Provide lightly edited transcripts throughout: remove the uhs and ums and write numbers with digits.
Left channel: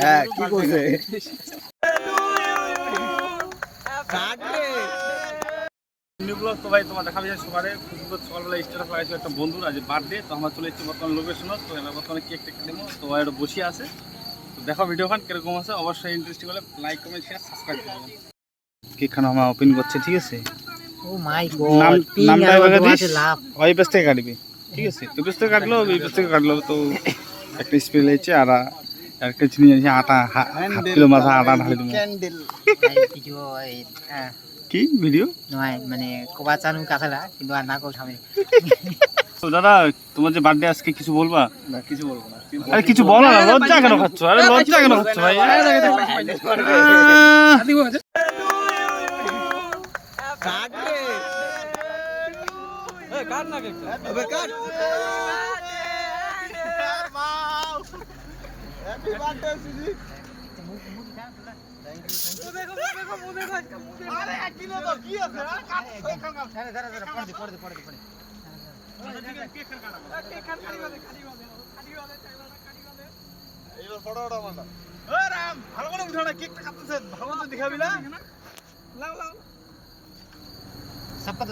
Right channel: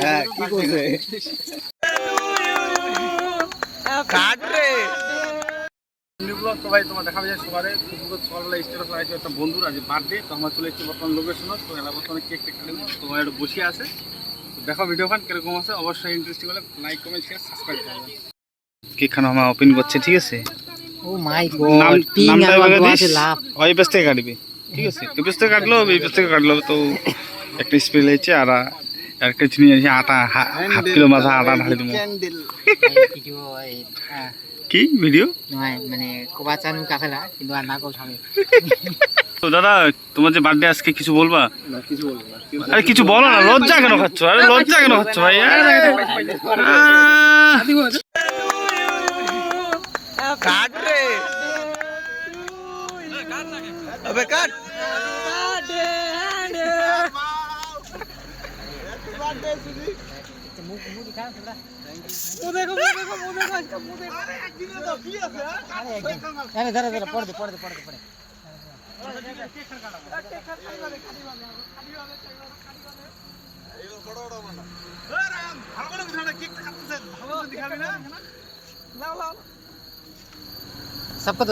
হ্যাঁ কি করছে তো ভাই তোমার দেখা যায় সকালে সকালবেলা স্টেটাস লাগাইছে একটা বন্ধুর আজ বার্থডে, তো আমরা চলে এসেছি বর্তমানে লোকেশন, তো এলা বর্তমানে কেক টেক নেবো, তো একটু বসে আছে, তো দেখো ভিডিওখান কিরকম আছে, অবশ্যই ইন্টারেস্টিং হলে লাইক কমেন্ট শেয়ার সাবস্ক্রাইব করবেন। কেক খানা আমরা ওপেন করছে, ঠিক আছে? ও মাই গড, নামটা এবার দিস, ওই পেজ থেকে কাটবি, ঠিক আছে? ওই পেজ থেকে কাটলো, এই পেজ থেকে কাটলো, তো একটা স্প্রে লেগেছে আর একটা চিনি আছে, আটা হাফ কিলো মাথা আটা ঢালি দেবো। কি ভিডিও নয় মানে কোবা চানু কাছাড়া কিন্তু আর না কো সামনে। তো দাদা তোমার যে বার্থডে আজকে কিছু বলবা? না কিছু বলবো না। আরে কিছু বলো না, লজ্জা কেন খাচ্ছ? আরে লজ্জা কেন খাচ্ছ ভাই? কাট রে, কাট না কে, আবে কাট। হ্যাপি বার্থডে সুজি। মুদি খা খা। মুদে কো মুদে আরে এক দিন তো কি আছে? আরে ধরে ধরে পড় দে।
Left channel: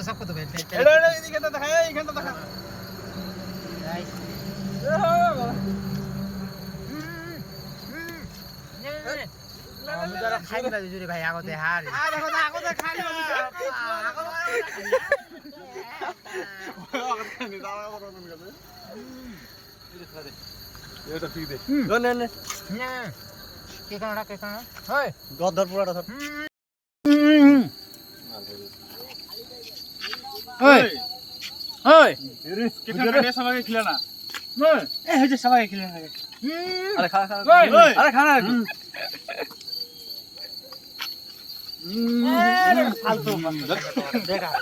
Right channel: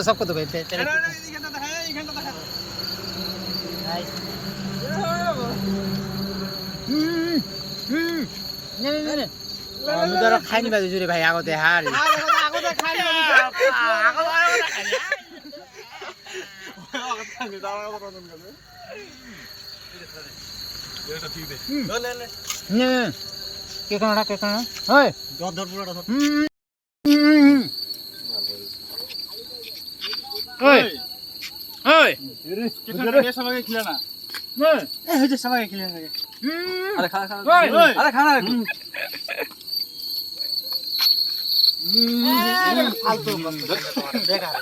सबको तो भाई खाई नहीं जुरे भाई आगोते हार के হয় ধর পুরাটা ধর ওই ওই কেকটা দিয়ে সবাইকে খিলা না, এ হইছে সবাই খেলে থাকে। আরে খা আরে খা না একটু। ফালতু বেকার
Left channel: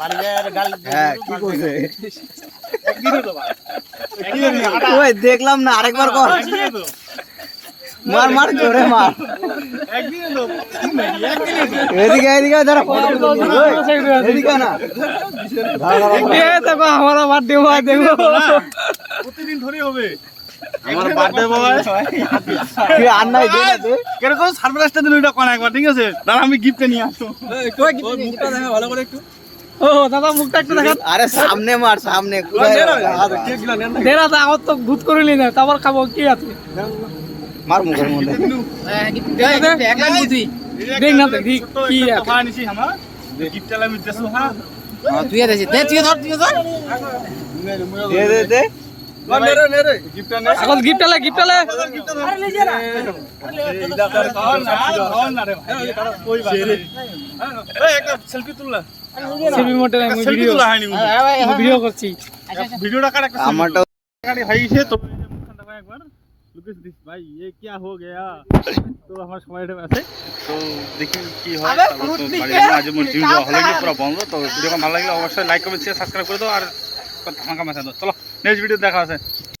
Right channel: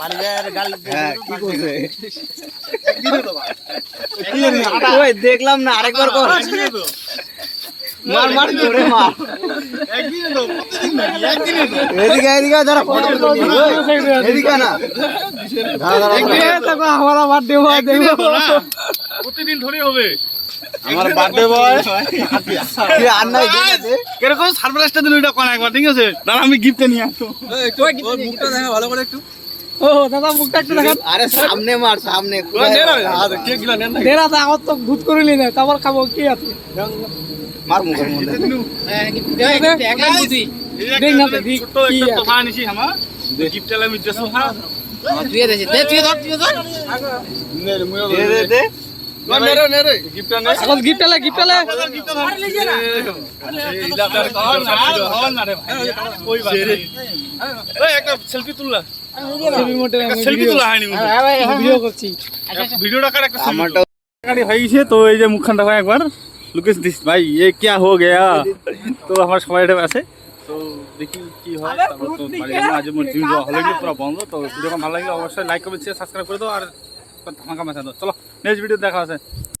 বাড়ি যায় গাল। হ্যাঁ কি করছে? একদিনই তো ওই দেখলাম না, আরেকবার কর। মার জোরে মার। একদিনই তো এদিকে ধরো ফটো তুলি। ওই এদিকে না। দেখো हमारा बर्थडे हुआ देखो প্রতিদিন ধরে হবে আমার বার্থডে বয়। কি আর নাই দে। কিরকম সারপ্রাইজটা দিল এটা কোন একবার, ঠিক আছে? না আমি গিফটে নিয়ে আসতো। ওই মুখটা দেখা ভালো করে একটু। ও দাদা মুখটা একটু দেখা। আরে সামনে মার সামনে। কেক গিলা নেন না, দেরা দা আগত তো ভূত করিলি না তারপর খাবো কি আছে মার মুখের মধ্যে। দেখ না দেখ কি তো ভাড়া নিছি আমার গিফট এলা আমি দেছো। হ্যাঁ তুই দে তুই ধর দে নে রে গিফটটা নে, আগত গিফট আলে গিফটটা ধর। এই ইলাকার কল না রে ভাই, ওই বাত রে। এই একটা সেলফি তুললা, সেলফি মোটে সেলফি তোলা হয়নি মুখে। ভিডিও করছি ভিডিওটা কার একটা সেলফি গাড়ি হয়েছে, তো এই যে মুখখানটা ভাই একবার লুকেশ দিস ভাই, ये क्या हो गया? তো আমার সবাই এটা আছে, তো দেখি কি হয়। তারপর তো বাড়ি আজ মোর জিম যাওয়া হলো পুরো বন্ধ। তো ভিডিওটা ভালো লাগলে অবশ্যই লাইক কমেন্ট শেয়ার সাবস্ক্রাইব করে দাও আর ধামাকা মেশা দাও। চলো নেক্সট ভিডিও দেখা আছে।